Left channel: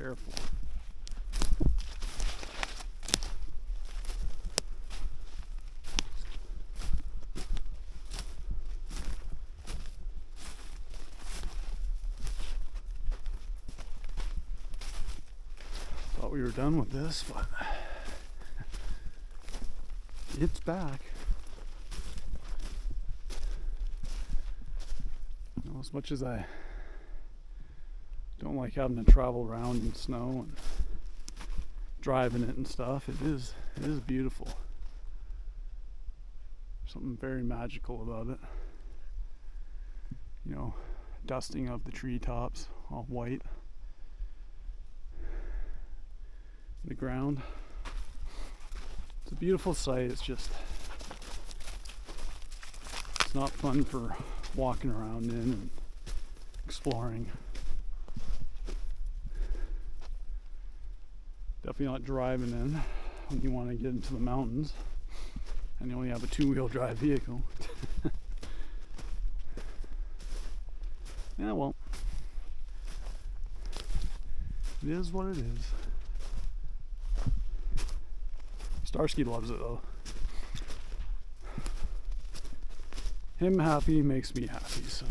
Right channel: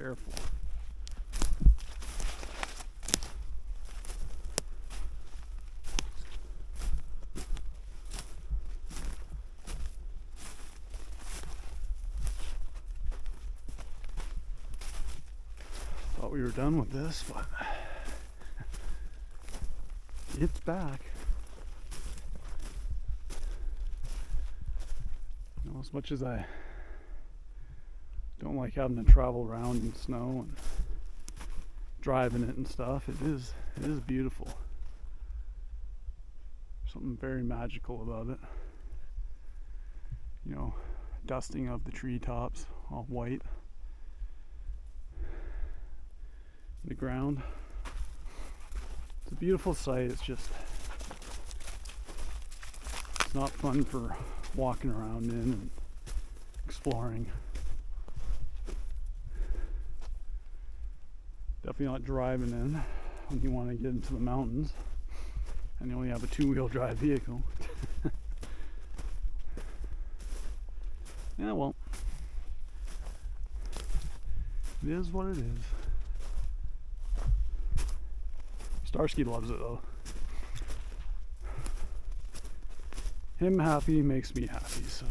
Careful. Thought we were done with this, but it's back. You know, as much as I don't like having to travel around in snow and driving it and stuff, it is beautiful. Something very magical about it. You know, dusting of the treetops, all white. The ground. It's a beautiful sight. It's just, it's not fun for walking around in and exploring. Definitely not driving in when you want to get into the mountains and you only have a 2-wheel drive vehicle. Yeah, well, it is what it is. Starsky loves it though. Him happy makes me happy, so.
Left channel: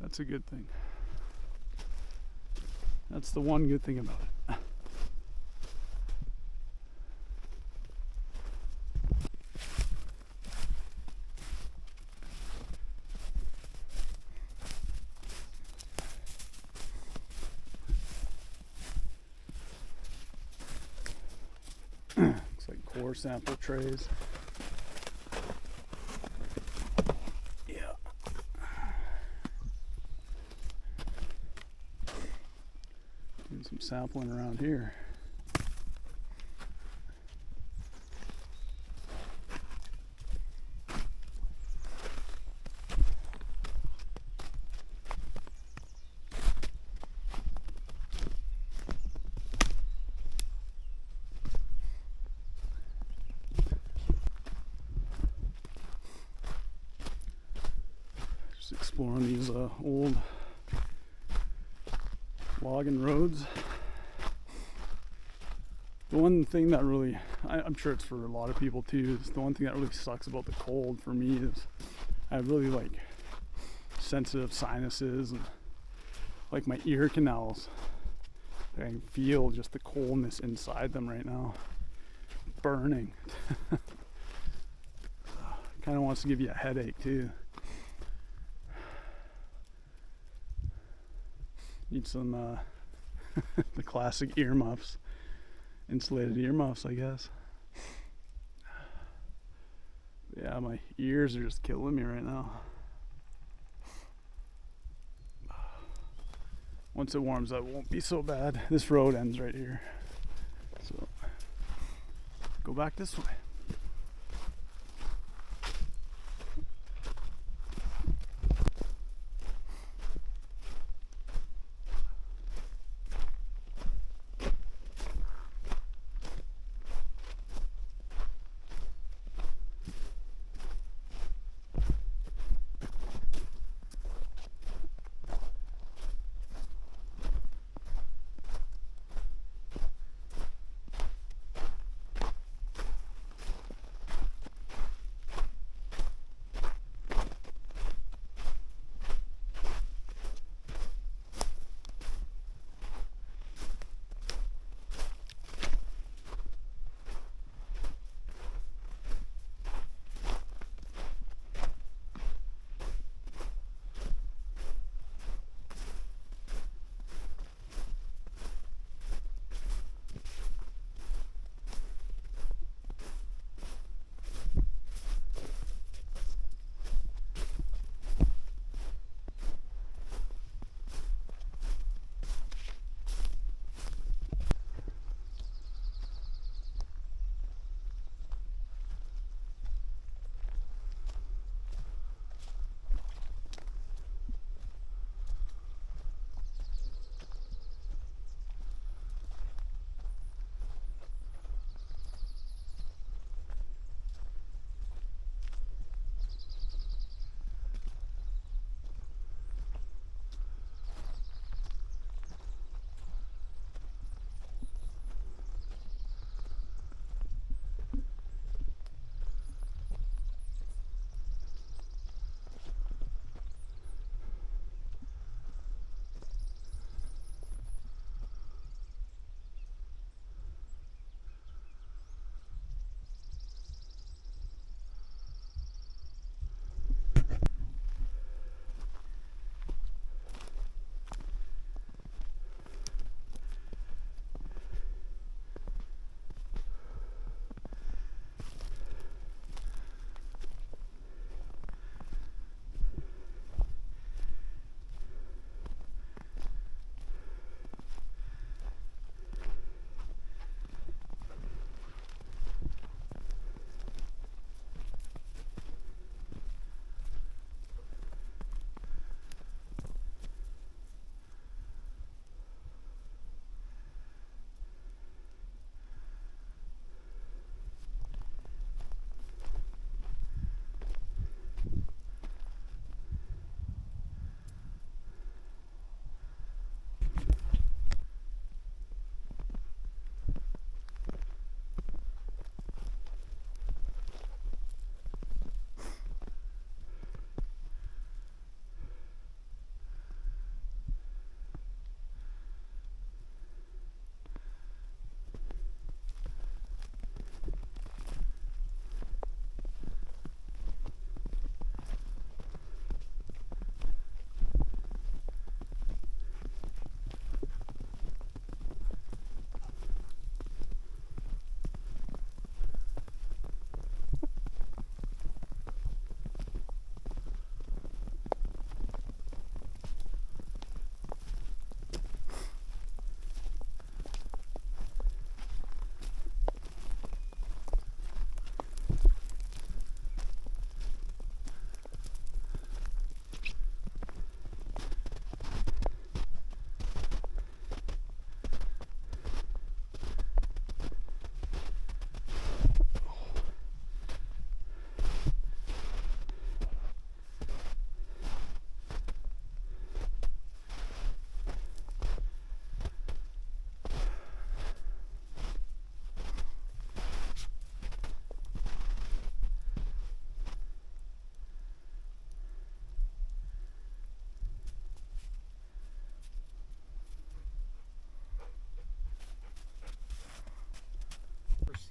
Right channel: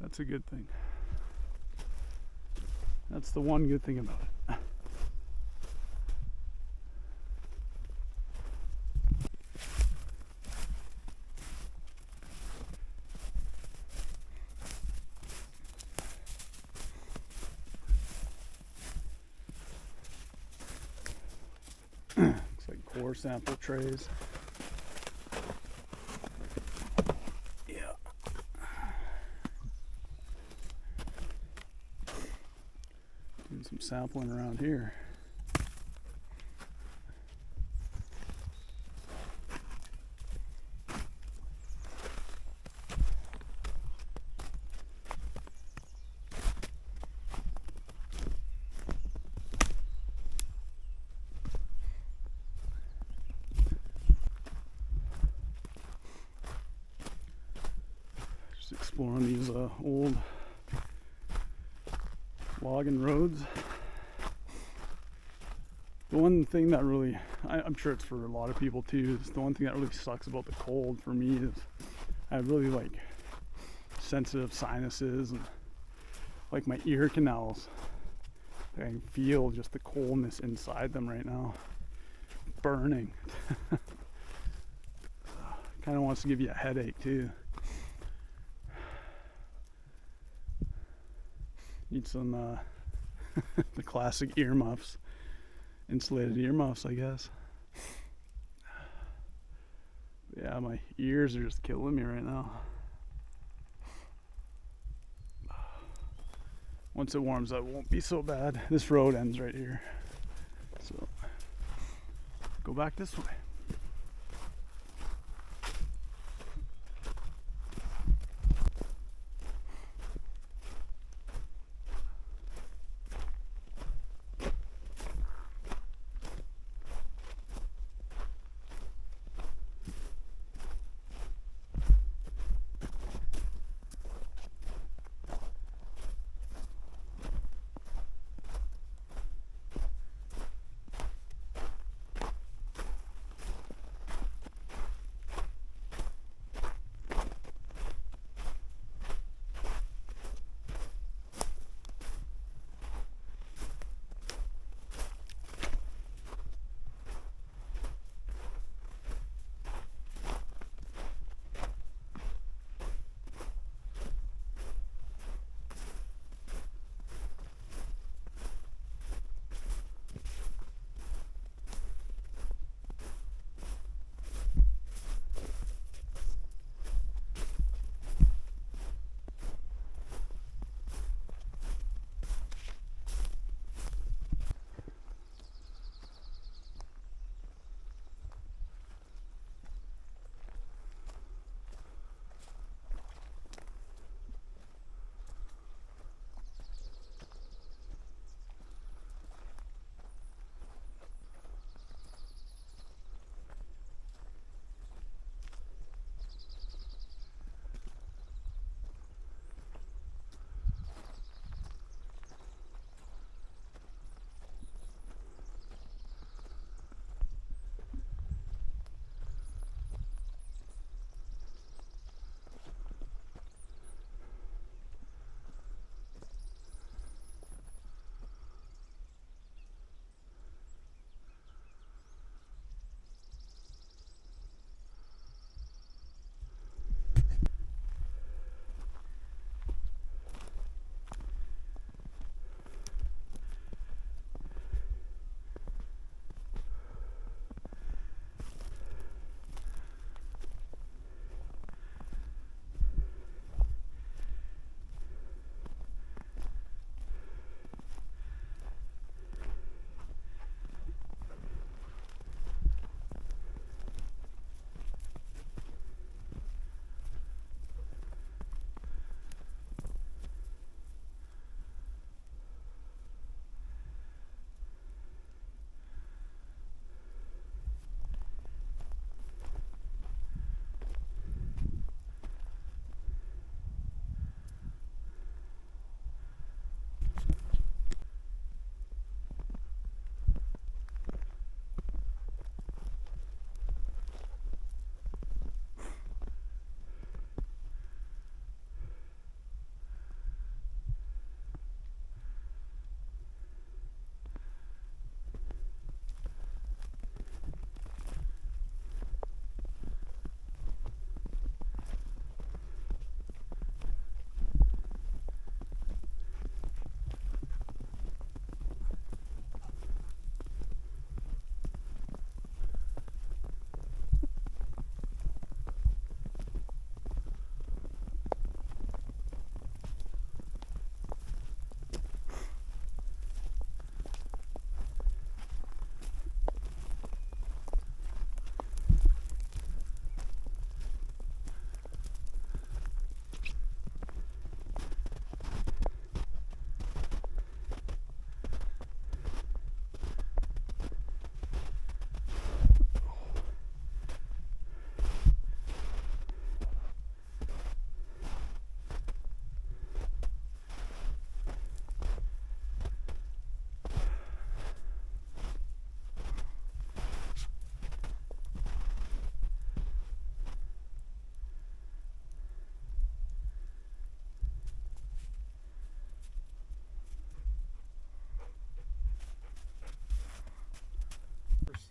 That's a good thing. That's the one good thing about it. Looks like core sample trays. Yeah. Doing some sampling around here. Exploring these old logging roads. The one thing that really, I'm sure it's for a lot of people too, is the one thing that really sucks about the cold for me is I have really like sensitive sinuses and like my ear canals. I can feel just the coldness inside them right now. Burning. Kind of wants to give you a headache too. Need some the classic earmuffs, insulated earmuffs, I guess. Yeah, my ears are just killing me right now. Once it warms up, it won't be so bad. This road ends right here, so go back this way.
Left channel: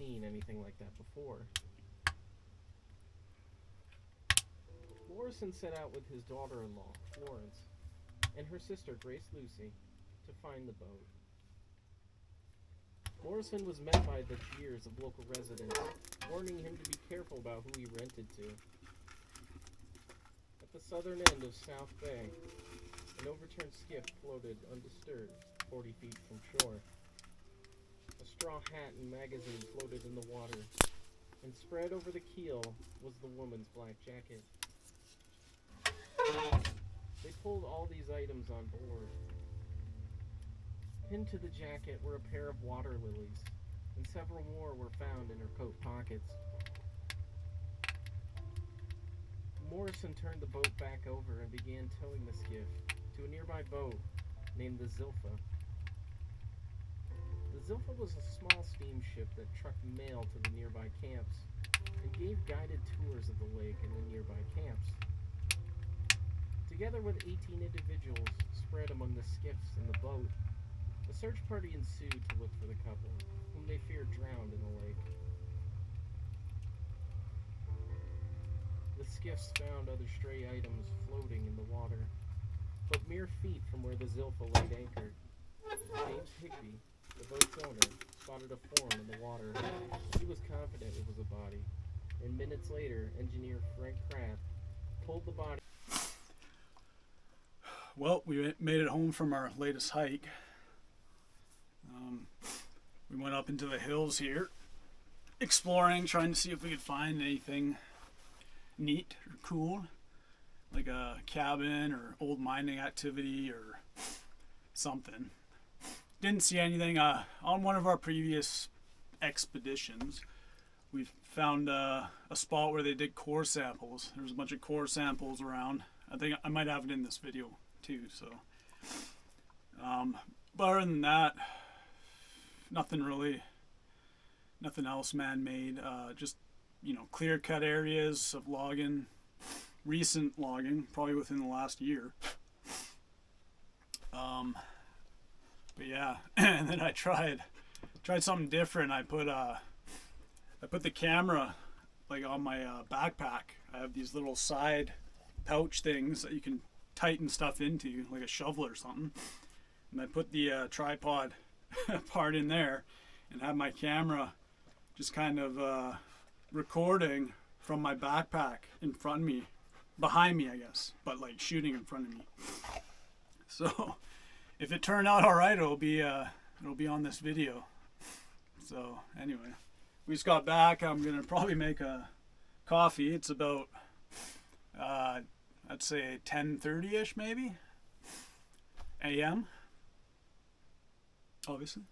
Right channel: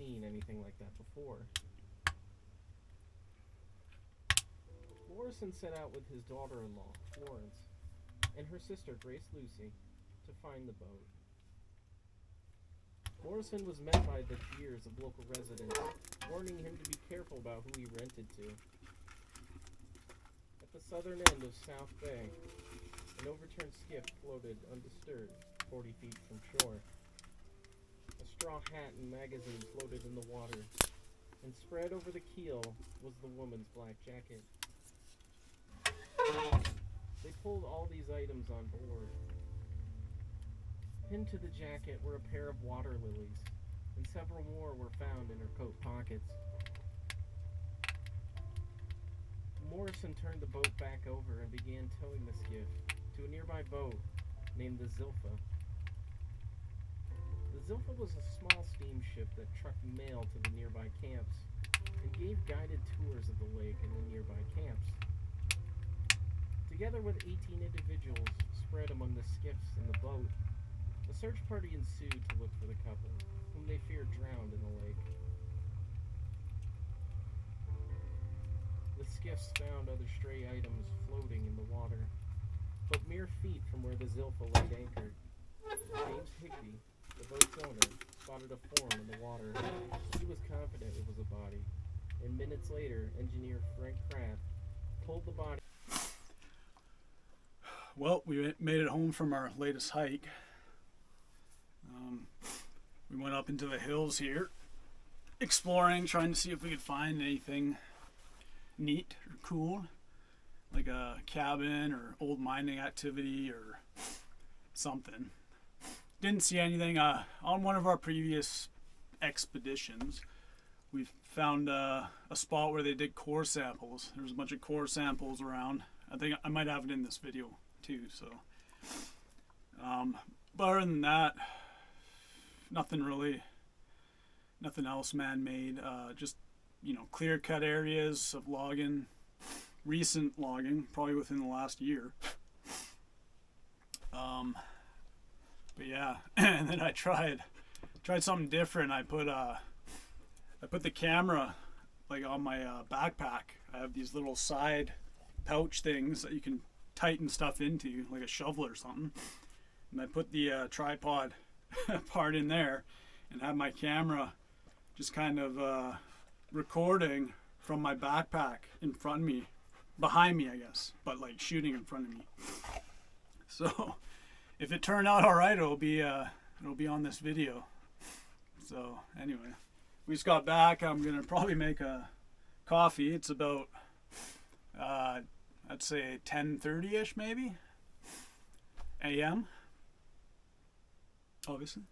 seen anything like that before. Morrison set out with his daughter-in-law, Florence, and her sister, Grace Lucy, to find the boat. Morrison was met by the jeers of local residents, warning him to be careful about who he rented to. At the southern end of South Bay, an overturned skiff floated undisturbed 40 feet from shore. A straw hat and magazine floated in the water, and spread over the keel was the woman's black jacket. They pulled all these items on board. Pinned to the jacket were a pair of water lilies, and several more were found in her coat pockets. Morrison turned the boat back over and began towing the skiff to a nearby boat named the Zilpha. The Zilpha was a small steamship that trucked mail to the nearby camps and gave guided tours of the lake and the nearby camps. Together with 18 individuals spread among the skiffs and the boat, a search party ensued to look for the couple, whom they feared drowned in the lake. The skiffs found other stray items floating in the water, but mere feet from where the Zilpha laid anchored. James Higby, the boat's owner, spotted a form in the water. He was confident it was a body, and minutes later, engineer Frank Pratt pulled the body. Well, we made it home from our latest hike. We went up into the hills here, exploring, trying to see if we could find anything neat or cool, like a cabin or old mining activity or something. Didn't see anything. On one of our previous expeditions, we found a spot where they did core samples. There was a bunch of core samples around. I think I might have it in this video too. So, but other than that, nothing else man-made. Just clear cut areas of logging, recent logging, probably within the last year. But yeah, and then I tried something different. I put the camera like on my backpack. I have these little side pouch things that you can tighten stuff into, like a shovel or something. And I put the tripod part in there and have my camera just kind of recording from my backpack in front of me, behind me I guess, but like shooting in front of me. So if it turned out alright, it'll be on this video. So anyway, we just got back. I'm gonna probably make a coffee. It's about I'd say 10:30ish maybe a.m. obviously.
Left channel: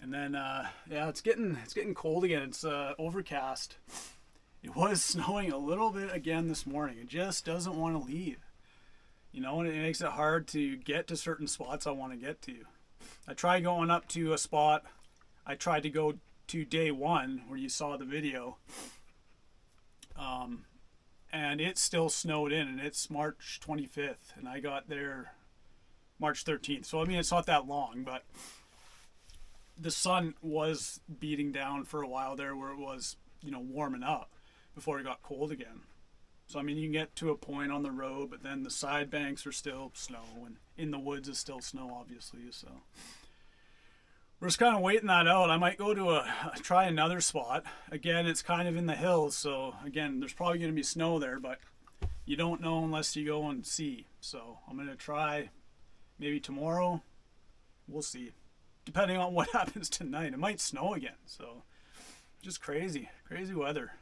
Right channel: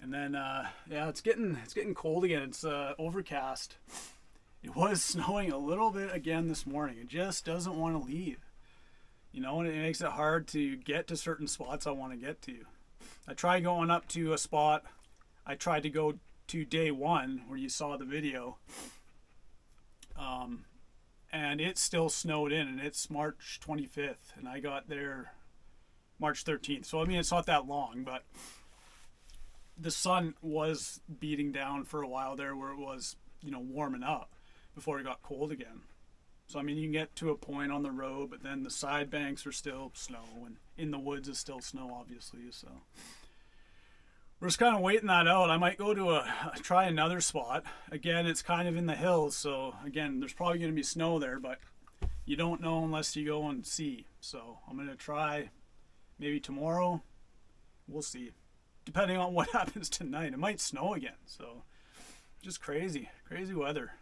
And then yeah, it's getting cold again. It's overcast. It was snowing a little bit again this morning. It just doesn't want to leave, and it makes it hard to get to certain spots I want to get to. I tried going up to a spot. I tried to go to day one where you saw the video, and it still snowed in, and it's March 25th, and I got there March 13th. So I mean, it's not that long, but the sun was beating down for a while there where it was, warming up before it got cold again. So I mean, you can get to a point on the road, but then the side banks are still snow, and in the woods is still snow, obviously. So we're just kind of waiting that out. I might go to try another spot. Again, it's kind of in the hills, so again, there's probably going to be snow there, but you don't know unless you go and see. So I'm going to try maybe tomorrow. We'll see. Depending on what happens tonight. It might snow again, so just crazy weather.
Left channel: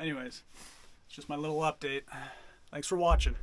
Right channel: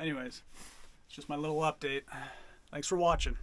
Anyways, it's just my little update. Thanks for watching.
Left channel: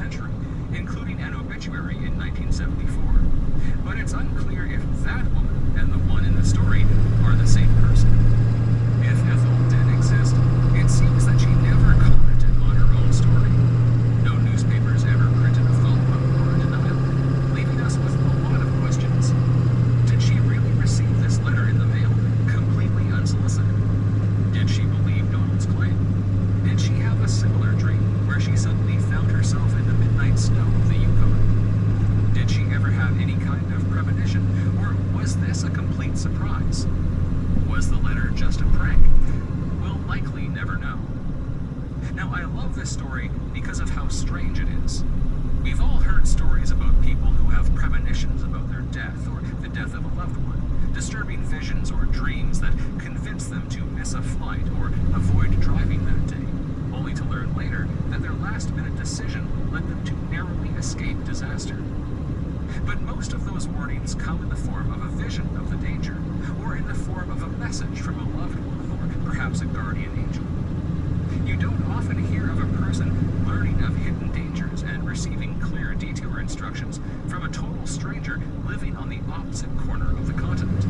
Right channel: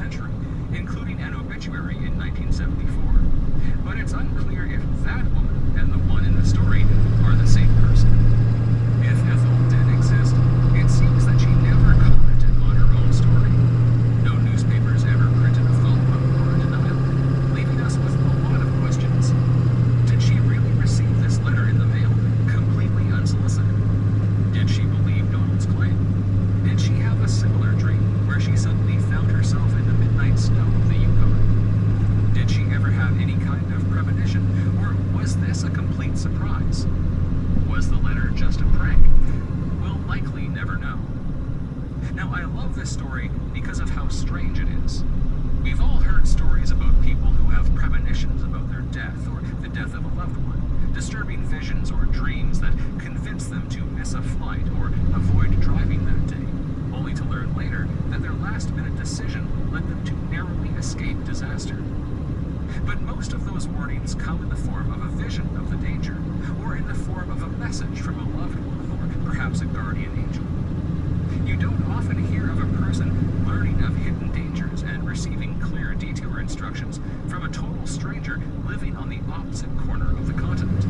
century, including an obituary in 1974. But it's unclear if that woman and the one in the story are the same person. If Ethel did exist, it seems that she never commented on her own story. No newspapers ever printed a follow-up or a denial, leaving us with a lot of questions. Did she really receive this letter in the mail, completely unsolicited? Did she believe Donald's claim? Did she have a similar dream where she suddenly found herself in the midnight snow of the Yukon? Did she ever have any kind of premonition, or was this a complete surprise? Was the letter just a prank? We'll likely never know. Now, I love this story because of how strange it is. We've all heard stories about people who have premonitions about their death or the death of a loved one, disturbing visions or dreams that convince them to miss a flight or avoid driving that day, only to learn later that their last-minute decision led them to narrowly escape disaster. But most of those warnings come in the form of a vision of the danger, or in the form of a message from a loved one, or perhaps a guardian angel. You don't often hear of a person learning of hidden dangers and receiving clear detour instructions from a total stranger living on the opposite corner of the continent.